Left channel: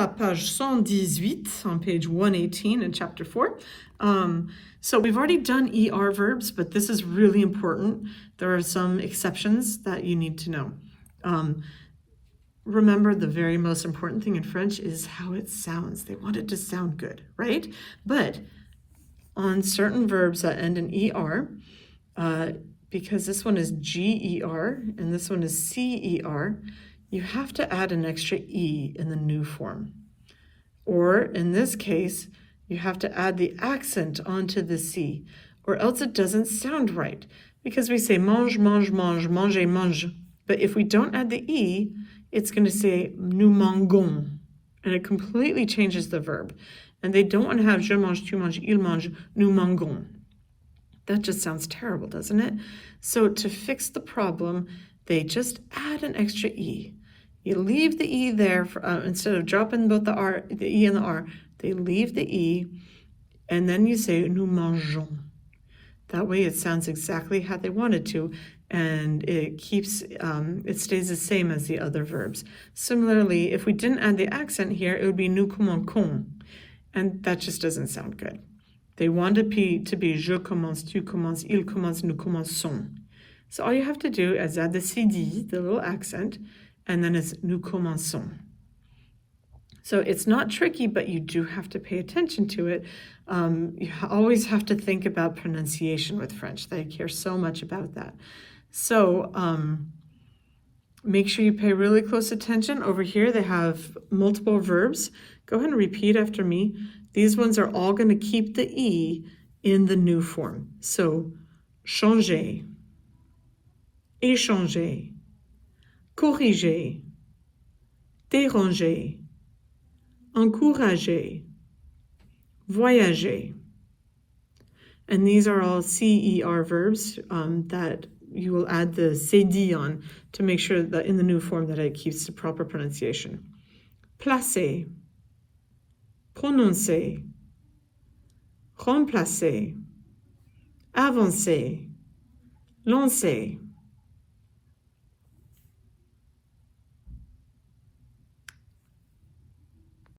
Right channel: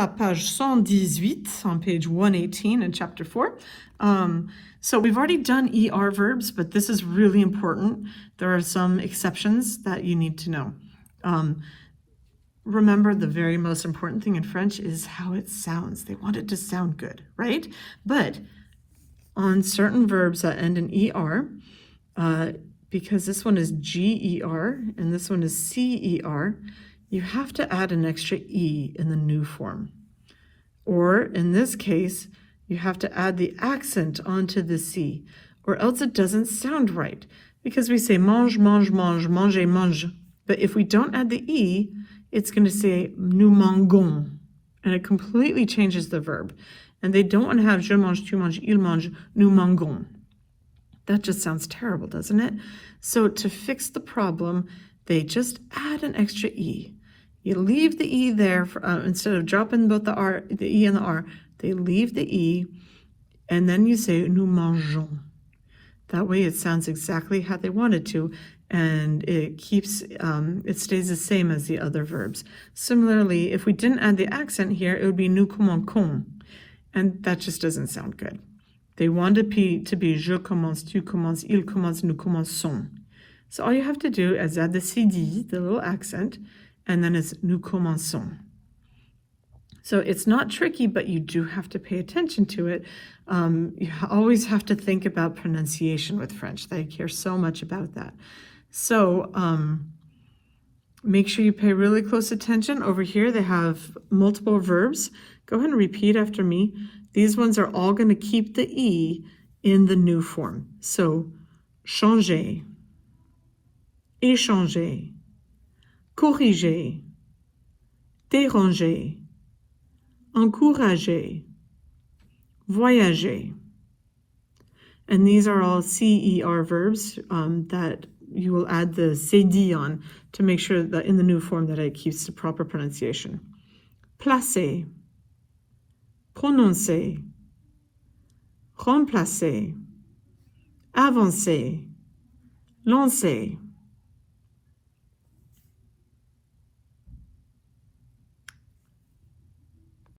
la page 118 on page 118 in chapter 4. So we've already done ER verbs, but this is really important. There are some exceptions that you need to know. Remember, the very most important thing in French is how it sounds. They want it to sound good, right? But on certain verbs that end in ER, because this one is GER and this one is CER, you have to add an extra E in the new form. Or in this case, you have to add the accent onto the C, or else it doesn't sound right. Because we say mange, mange, mange, manger, mange. But if we don't add the E, it's going to say nous mangeons. And it completely changes the verb. And they don't want to have je mange, tu manges, il mange, nous mangeons. That just sounds terrible, doesn't it? So to fix the problem, they just add an extra E. You leave the E there instead of dropping both the E and the R. They leave the E, and then you say nous mangeons. That way it sounds exactly how they want it to, and it stays the same as the other verbs. Similarly, if we didn't add the accent here, it would be nous commençons, and that just doesn't sound good. They want it to be je commence, tu commences, il commence, nous commençons. So all you have to do is add the CD, the little accent, and then it's nous commençons. So it's not tricky, but you do have to pay attention to it. You always have to think about pronunciation with French. They care so much about that. So make sure you pay really close attention. Over here they have multiple verbs. Go ahead and repeat after me. These ones are all going to keep the E in the new form. So changer, échanger, corriger, déranger, encourager, voyager. And these are all CER verbs that you will add the CD on to make sure that in the new form that it keeps the proper pronunciation. Placer, prononcer, remplacer, avancer, lancer.